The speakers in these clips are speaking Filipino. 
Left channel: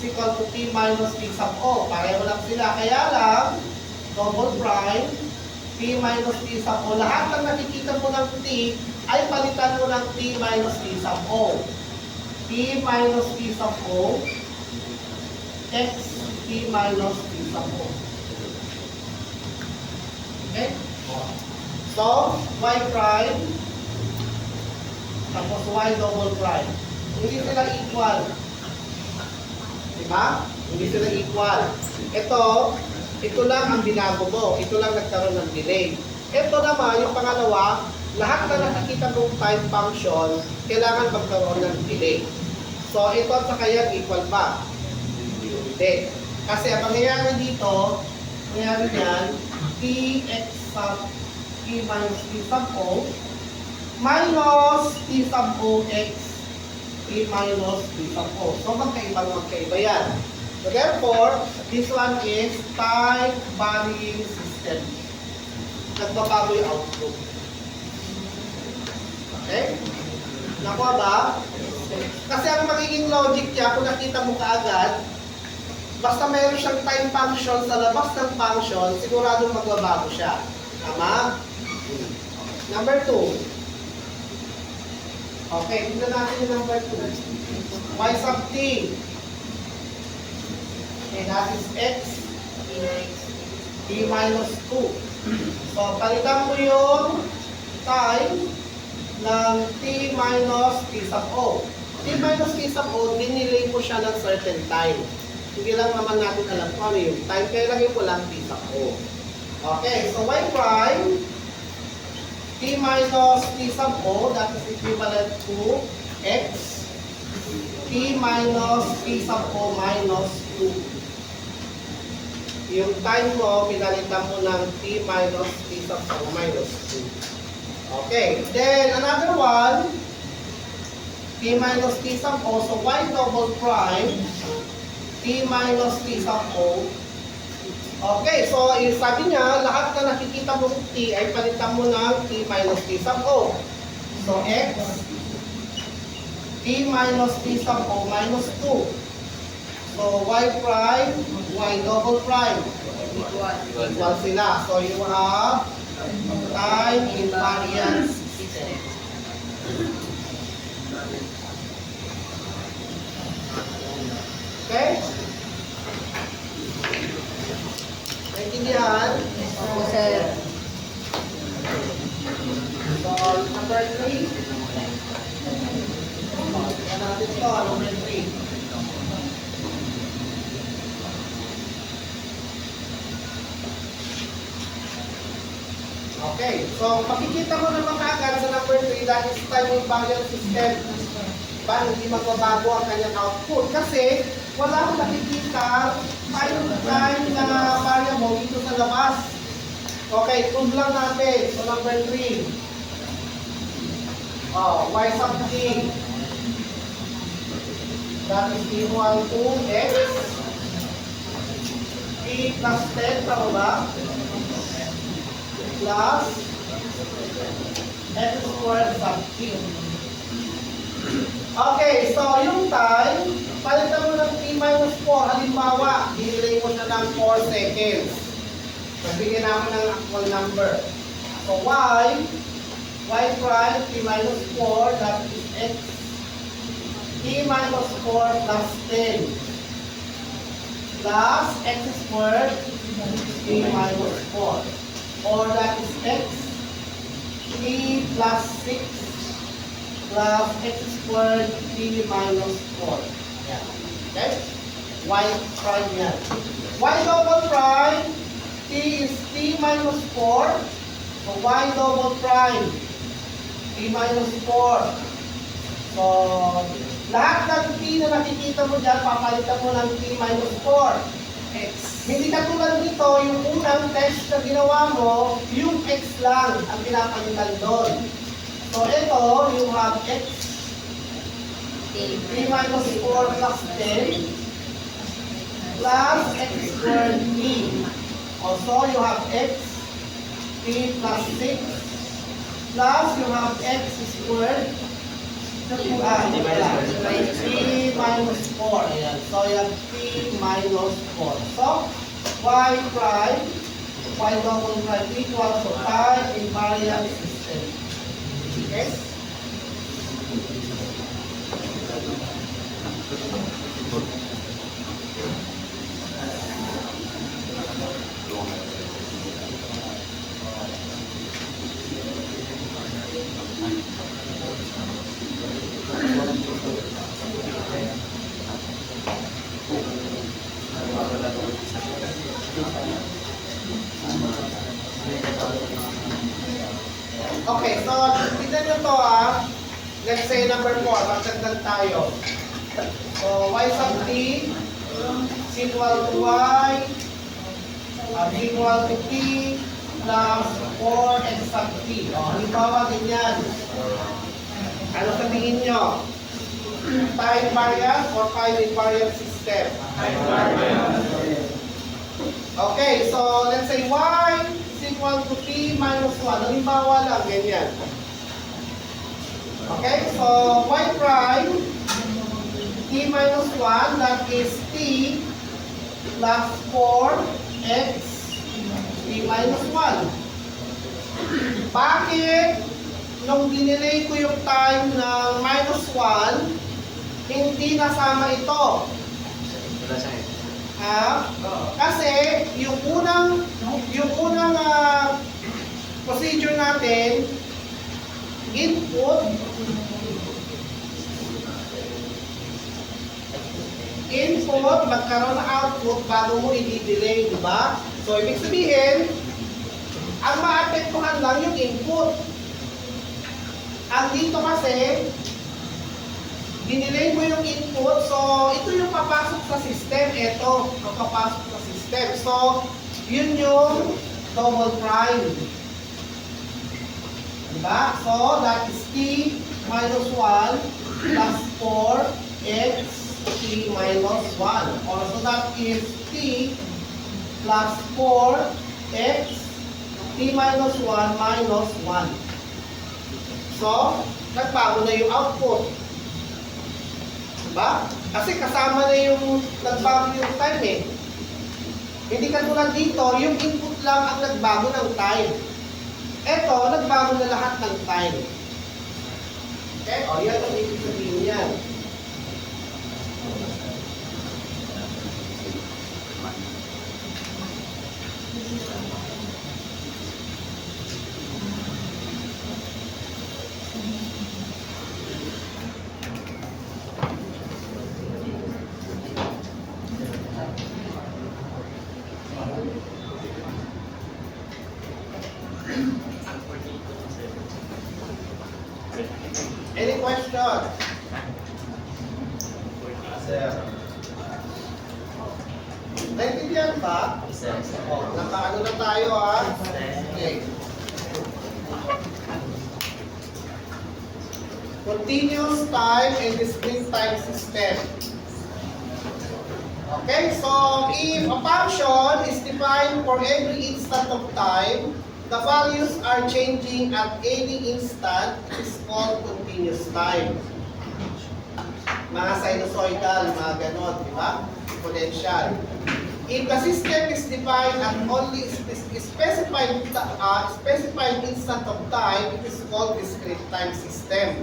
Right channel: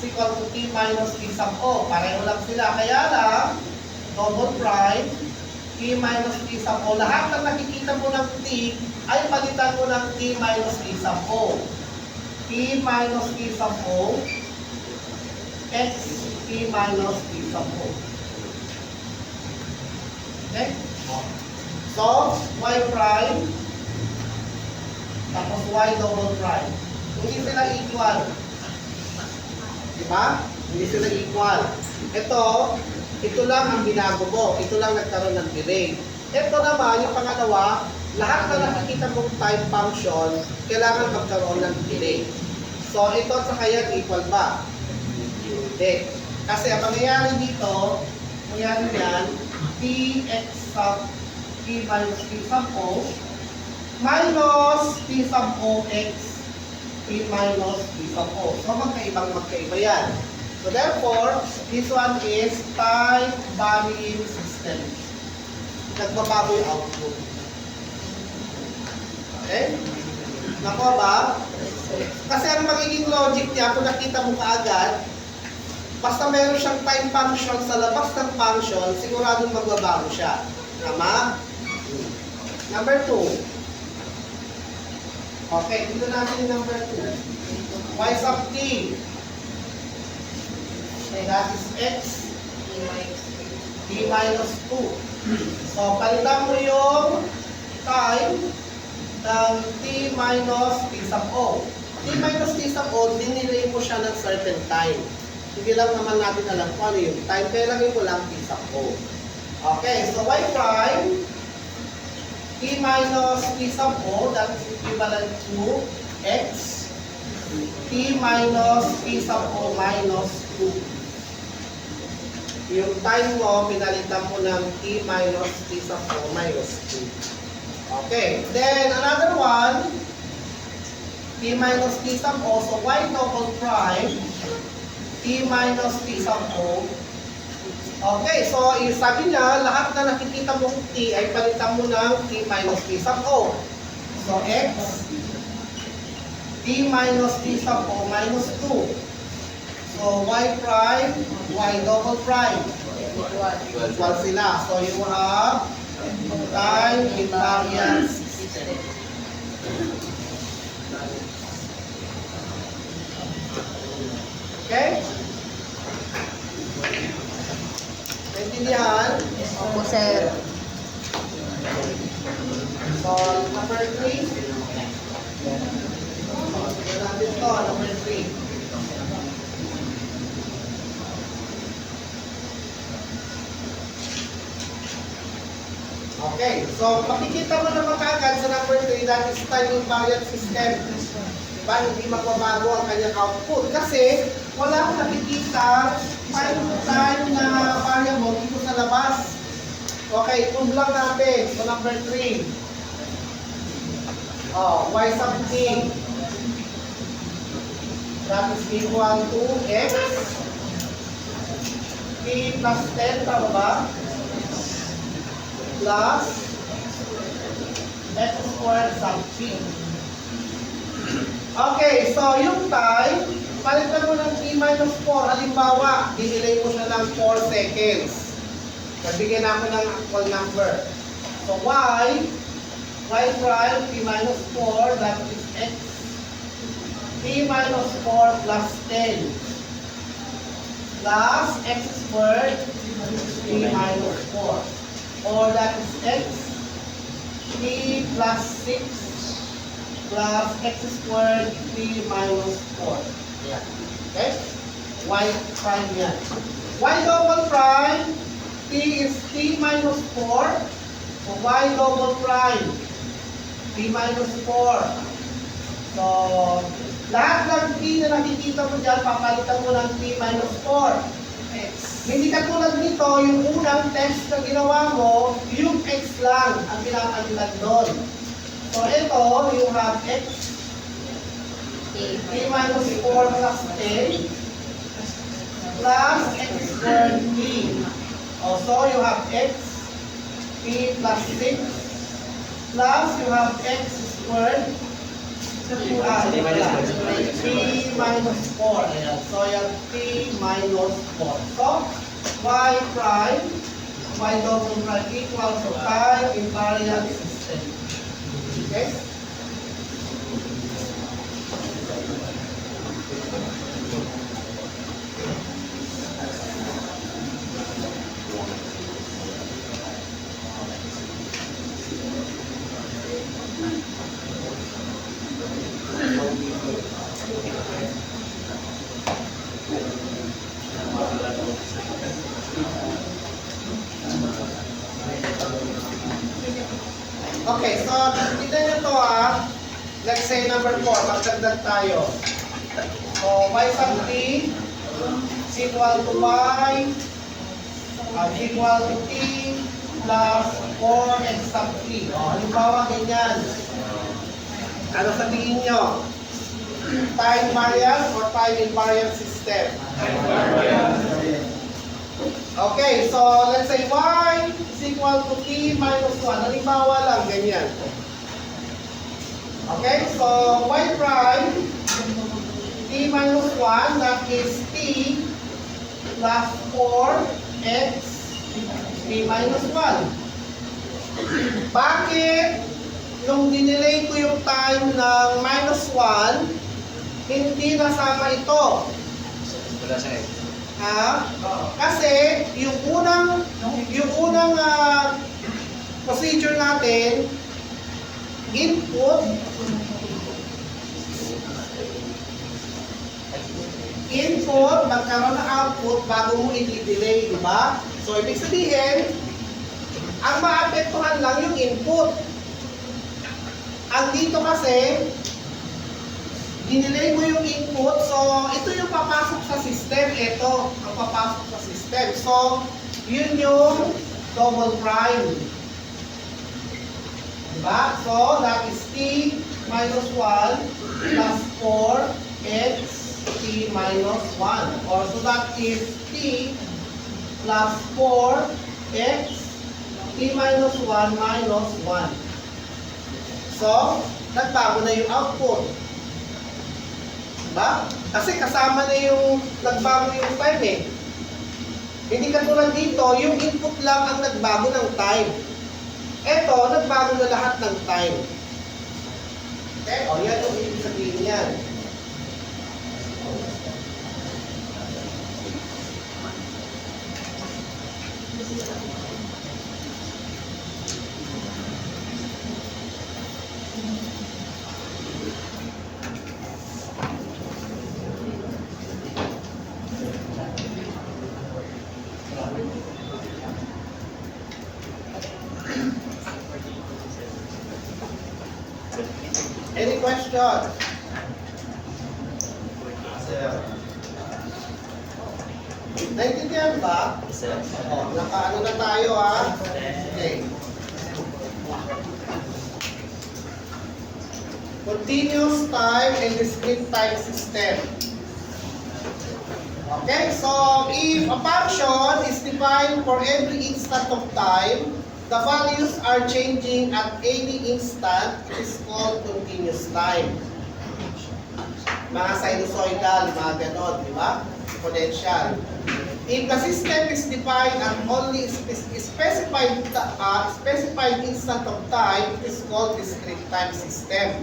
is equal to t minus t sub o. Pareho lang sila. Kaya lang, double prime, t minus t sub o. Lahat ng nakikita mo ng t ay palitan mo ng t minus t sub o. T minus t sub o, x t minus t sub o. Okay? So, y prime, tapos y double prime. Hindi sila equal. Diba? Hindi sila equal. Ito lang ang binago mo. Ito lang nagkaroon ng delay. Ito naman, yung pangalawa, lahat na nakikita mong time function, kailangan magkaroon ng delay. So, ito at saka yan, equal ba? Hindi. Kasi ang mangyayari dito, mangyayari yan, tx sub t minus t sub o minus t sub o x t minus t sub o. So, magkaiba yan. So, therefore, this one is time varying system. Nagbabago yung output. Okay? Nakuha ba? Kasi ang magiging logic niya, kung nakita mo kaagad, basta mayroon siyang time function sa labas ng function, siguradong magbabago siya. Tama? Number 2. Okay, tignan natin yung number 2. Y sub t. Okay, that is x t minus 2. So, palitan mo yung time ng t minus t sub o. T minus t sub o, dinilay mo siya ng certain time. Hindi lang naman natin alam kung ano yung time, pero lagay mo lang t sub o. Okay, so y prime, t minus t sub o, that is equivalent to x, t minus t sub o minus 2. Yung time mo, pinalitan mo ng t minus t sub o minus 2. Okay, then another one, t minus t sub o, so y double prime, t minus t sub o. Okay, so sabi niya, lahat na nakikita mong t ay palitan mo ng t minus t sub o. So x, t minus t sub o minus 2. So y prime, y double prime, equal sila. So you have time invariance system. Okay? Naintindihan? Opo, sir. So, number 3. Tignan natin ito, number 3. Okay, so makikita mo naman kaagad sa number 3, that is time invariant system. Diba? Hindi magbabago ang kanyang output kasi wala akong nakikita time na variable dito sa labas. Okay, prove lang natin. So number 3. Y sub t. That is equal to x. T plus 10, tama ba? Plus x squared sub t. Okay, so yung time, palitan mo ng t minus 4. Halimbawa, dinilay mo siya ng 4 seconds. Nagbigyan ako ng actual number. So y prime, t minus 4, that is x. T minus 4 plus 10. Plus x squared, t minus 4. Or that is x, t plus 6 plus x squared t minus 4. Yan. Okay? Y prime yan. Y double prime, t is t minus 4. So y double prime, t minus 4. So, lahat ng t na nakikita mo dyan, papalitan mo ng t minus 4. Hindi katulad nito, yung unang test na ginawa mo, yung x lang ang pinapalitan doon. So ito, you have x, t minus 4 plus 10, plus x squared t. Also, you have x, t plus 6, plus you have x squared, t T minus 4. Ayan. So, yan T minus 4. So, y prime, y double prime equals to time invariant system. Okay? Okay, so tignan nyo to let's say number 4, magdagdag tayo. So, y sub t is equal to y is equal to t plus 4x sub t. O, halimbawa ganyan. Ano sabihin nyo? Time variance or time invariant system? Time variance. Okay, so let's say y is equal to t minus 1. Halimbawa lang, ganyan. Okay, so y prime, t minus 1, that is t plus 4x t minus 1. Bakit nung dinelay ko yung time ng minus 1, hindi nasama ito? Kasi yung unang procedure natin, input magkaroon ng output bago mo i-delay, di ba? So ibig sabihin, ang maapektuhan lang yung input. Ang dito kasi, dinelay mo yung input, so ito yung papasok sa system, ito ang papasok sa system. So, yun yung double prime. Diba? So, that is t minus 1 plus 4x t minus 1. Or so that is t plus 4x t minus 1 minus 1. So, nagbago na yung output. Diba? Kasi kasama na yung nagbago yung time eh. Hindi katulad dito, yung input lang ang nagbago ng time. Ito, nagbago na lahat ng time. Okay? O, yan yung ibig sabihin yan. Any question? Sir. Naintindihan ba? O, nakaano na tayo Okay. Continuous time and discrete time system. Okay, so if a function is defined for every instant of time, the values are changing at any instant, it is called continuous time. Mga sinusoidal, mga ganon, di ba? Exponential. If the system is defined at only specified instant of time, it is called discrete time system.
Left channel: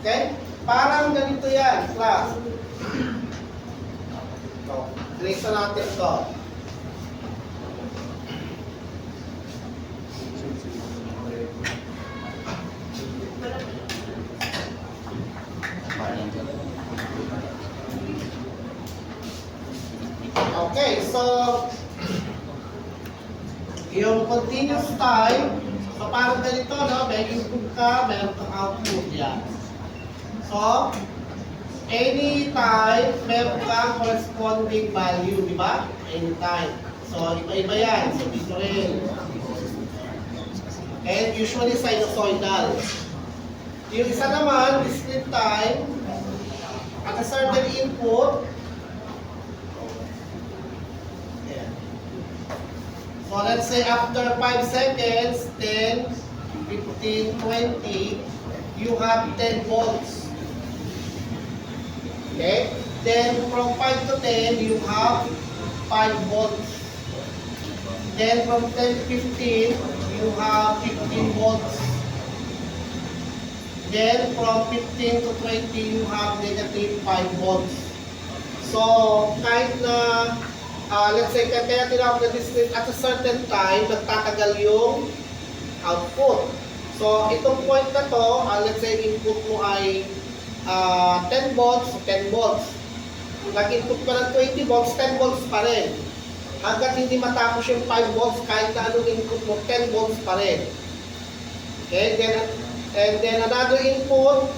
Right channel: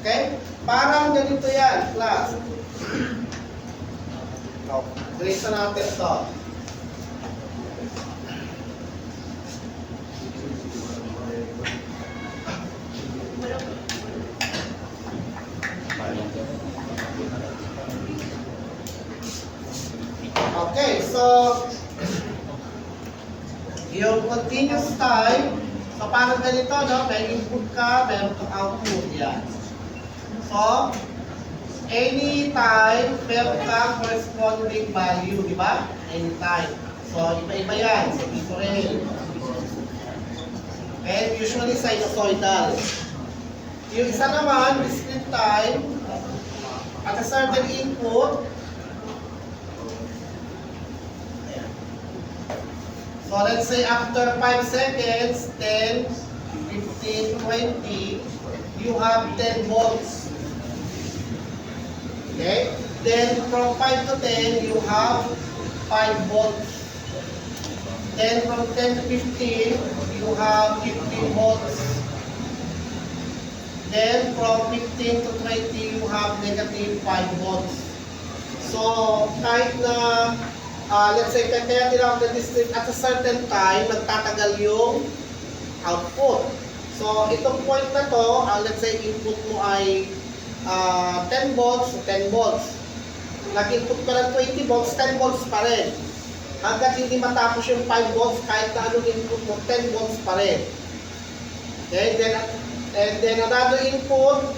Okay? Parang ganito yan, class. Trace natin to. Okay, so yung continuous time, so parang ganito, no? May input ka, meron kang output yan. So, any time, meron kang corresponding value, di ba? Any time. So, iba-iba yan. So, dito rin. And usually sinusoidal. Yung isa naman, discrete time, at a certain input, so let's say after 5 seconds, 10, 15, 20, you have 10 volts. Okay? Then from 5 to 10, you have 5 volts. Then from 10 to 15, you have 15 volts. Then from 15 to 20, you have negative 5 volts. So, kahit na, let's say, kaya tinawag na discrete at a certain time, nagtatagal yung output. So, itong point na to, let's say, input mo ay 10 volts, so 10 volts. Nag-input ka ng 20 volts, 10 volts pa rin. Hanggat hindi matapos yung 5 volts, kahit na anong input mo, 10 volts pa rin. Okay, then another input,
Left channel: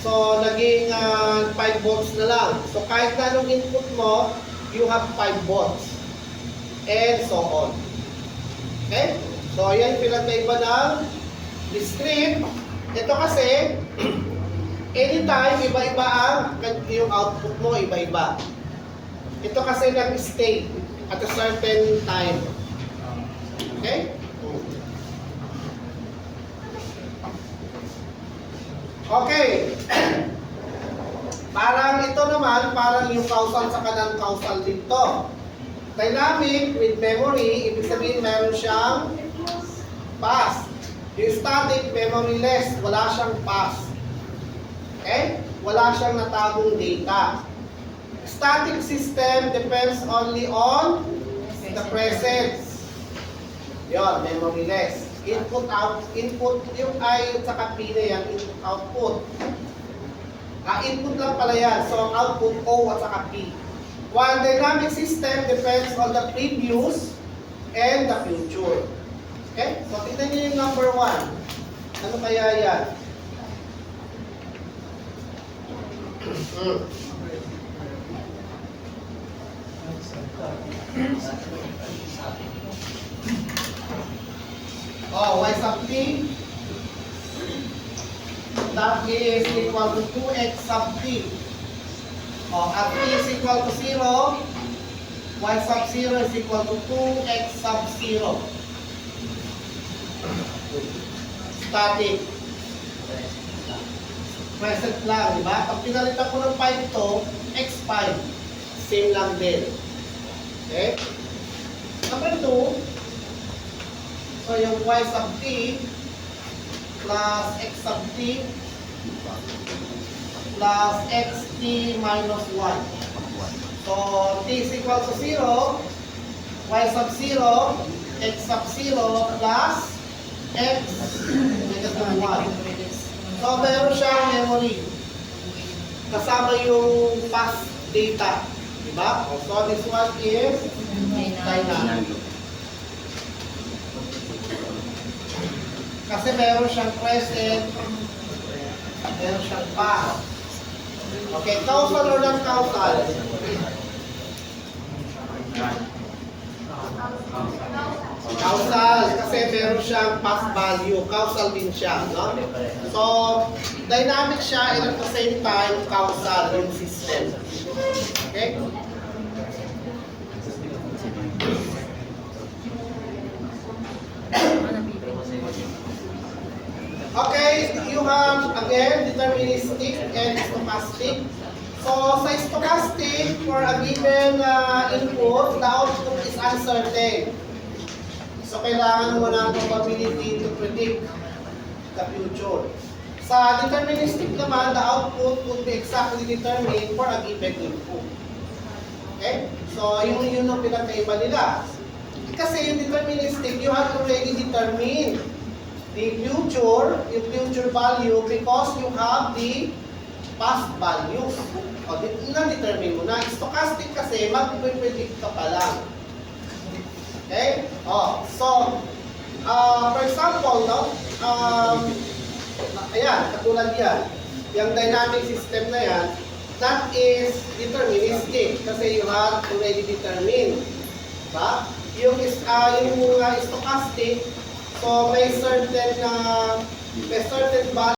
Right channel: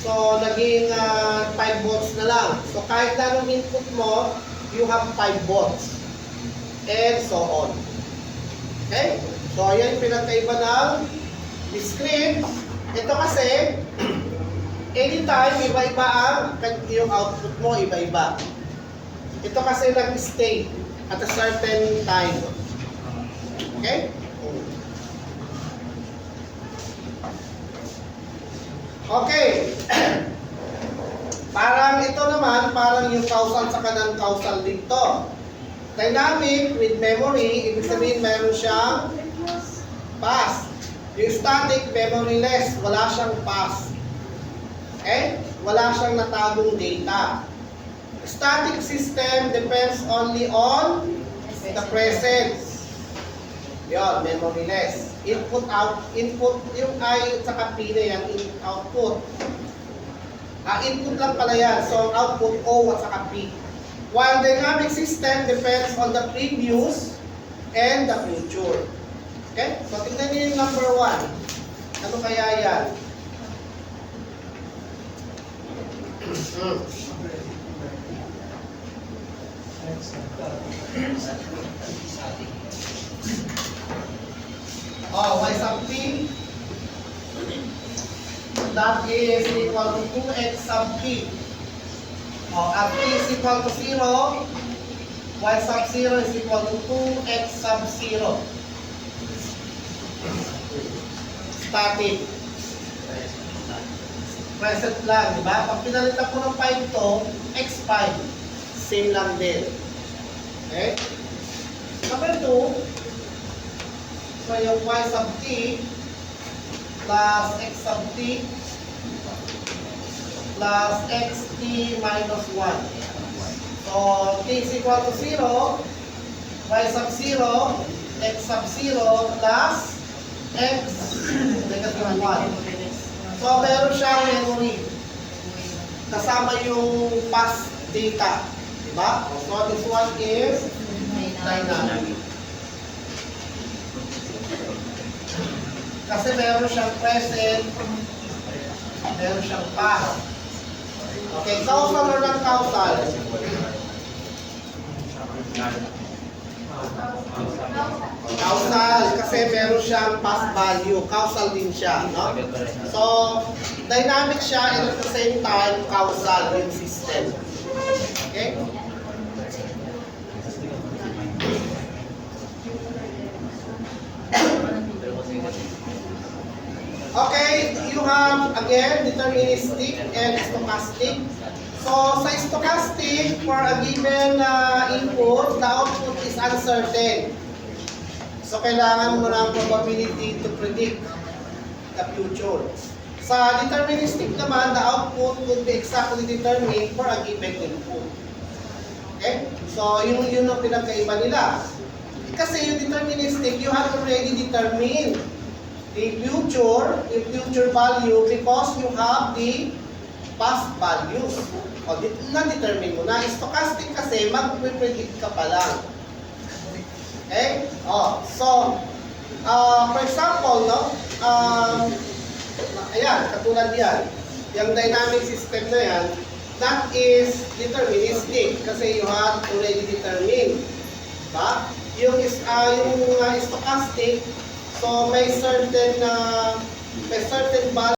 so naging 5 volts na lang. So kahit na anong input mo, you have 5 volts. And so on. Okay? So yan yung pinagkaiba ng discrete. Ito kasi, anytime, iba-iba yung output mo, iba-iba. Ito kasi nag-stay at a certain time. Okay? Okay. Parang ito naman, parang yung causal sa kanang causal dito. Dynamic with memory, ibig sabihin meron siyang pass. Yung static, memoryless, wala siyang pass. Okay? Wala siyang natagong data. Static system depends only on the presence. Yun, memoryless. Input, input, yung I at saka P na yan, output. Input lang pala yan, so output O at saka P. While dynamic system depends on the previous and the future. Okay? So tingnan niyo yung number 1. Ano kaya yan? Oh, y sub t, that is equal to 2x sub t. Oh, at t is equal to 0, y sub 0 is equal to 2x sub 0. Static. Present lang, di ba? Pag pinalitan ko ng 5 to, x5. Same lang din. Okay? Number 2, so yung y sub t plus x sub t plus xt minus 1. So, t is equal to 0, y sub 0, x sub 0 plus x negative 1. So, meron siyang memory. Kasama yung past data. Diba? So, this one is dynamic. Kasi meron siyang present, meron siyang past. Okay, causal or non-causal? Causal, kasi meron siyang past value. Causal din siya, no? So, dynamic siya and at the same time, causal yung system. Okay? Okay, you have again deterministic and stochastic. So sa stochastic, for a given input, the output is uncertain. So kailangan mo ng probability to predict the future. Sa deterministic naman, the output would be exactly determined for a given input. Okay? So yun ang pinagkaiba nila. Kasi yung deterministic, you have already determined the future value because you have the past values. O, na-determine mo na. Stochastic kasi, mag-predict ka pa lang. Okay? O, so, for example, no? Ayan, katulad yan. Yung dynamic system na yan, that is deterministic kasi you have already determined. Diba? Yung stochastic, so may certain value